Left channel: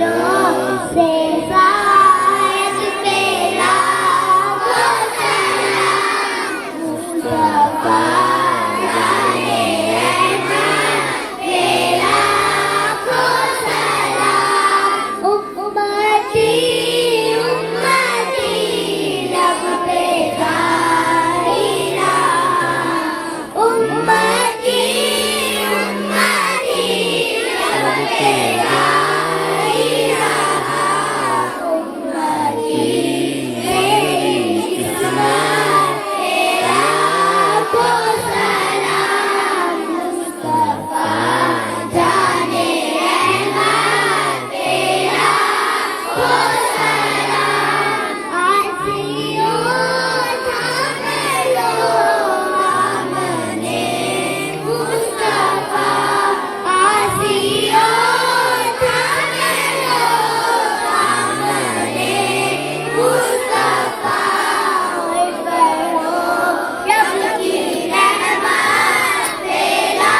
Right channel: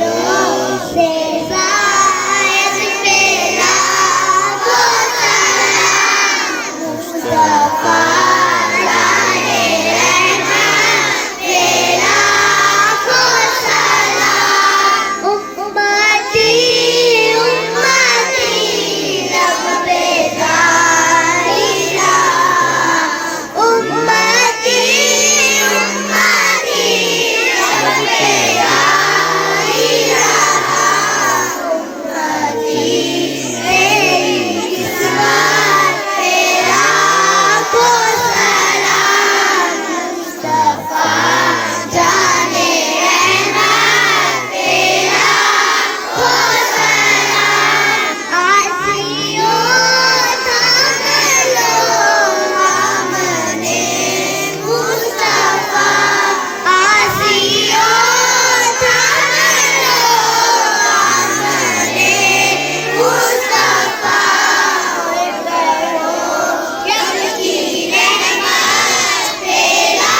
रोज से शायद मेरा को सलाम मुस्तफा जाने रहमत तेरा को सलाम उम्मती उम्मती लब पे जारी रहा उम्मती उम्मती लब पे जारी रहा उम्मती मेरी किस्मत तेरा को सलाम मुस्तफा जाने रहमत तेरा को सलाम आसियों थाम लो दामने मुस्तफा आसियों थाम लो दामने मुस्तफा बढ़ो रब की रहमत तेरा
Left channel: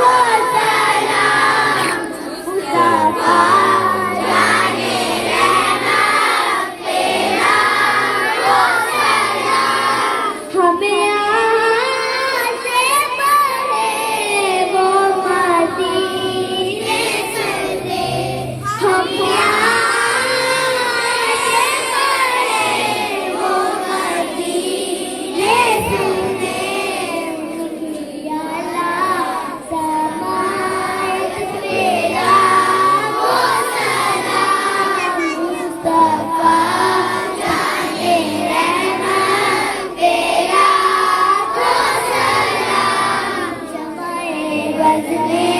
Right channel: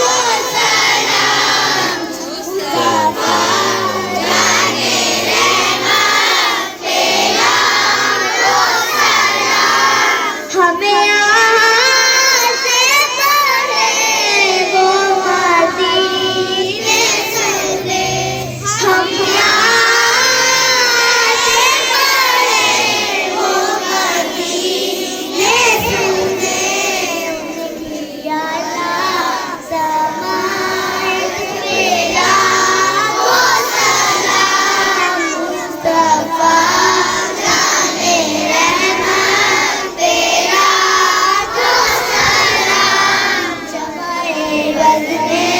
को सलाम मुस्तफा जाने रहमत तेरा को सलाम हमें यहाँ से पढ़े वो मदीने से ले हम यहाँ से पढ़े वो मदीने से ले उनकी आला समात तेरा को सलाम मुस्तफा जाने रहमत तेरा को सलाम जमाए बज़्म